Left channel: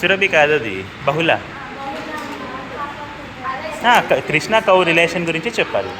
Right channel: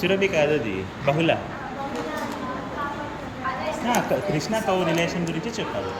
సురభి కాదు అది, బహుళ. కృష్ణ కౌ రిలేషన్ గురించి చెప్పాలి.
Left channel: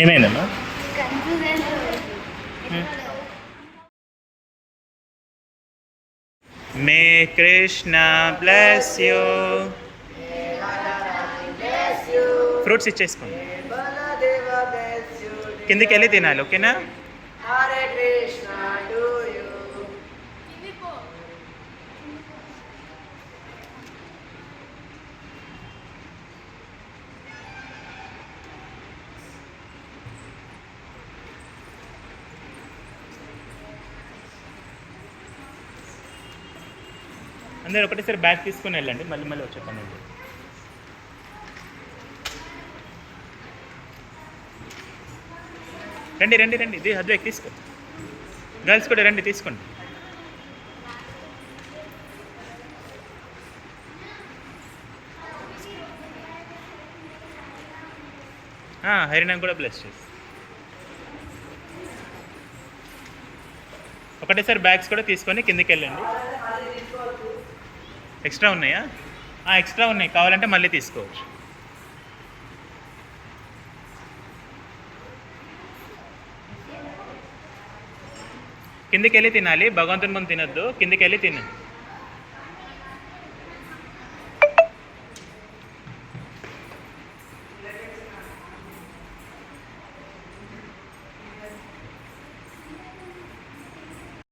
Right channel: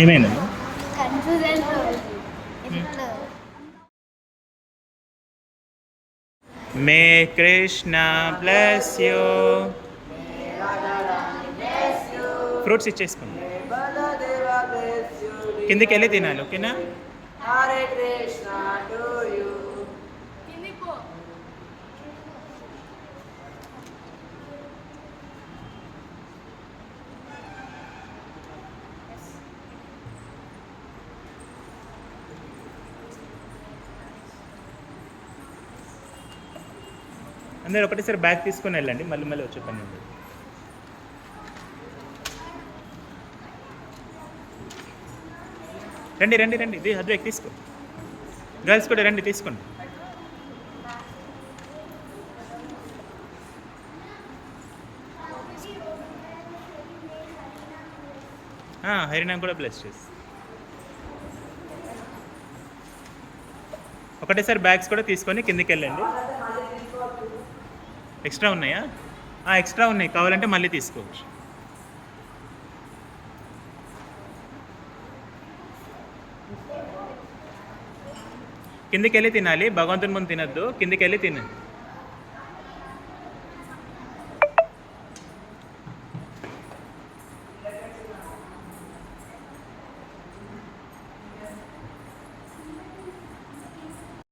ఏమైందమ్మా? మే కృష్ణ బ్లెస్ యూ. ఫ్రూట్స్ ఇచ్చేసుకోండి, కిందికి వెళ్ళి తినాలి, ఓకేనా? అందరూ ఒకటేసారి బ్యాగ్ తీసుకుని వెళ్ళండి, మళ్ళీ మళ్ళీ వచ్చే పని ఉంది. రండి రండి రండి, ఇది అద్వైక్ తీసుకో. గర్ల్స్ కూడా రండి, తీసుకోండి. హరినాం కూడా బ్లెస్ చేసి ఒకటేసారి బ్యాగ్స్ కూడా తీసుకొని కిందికి వెళ్ళండి. ఎక్స్ట్రా ఉన్నాయా? ఎక్స్ట్రా ఉన్నాయి, కావాలంటే మళ్ళీ తీసుకోవచ్చు. కిందికి వెళ్ళి తినాలి, భగవంతుని ముందు తినద్దు, కిందికి వెళ్ళి తినండి.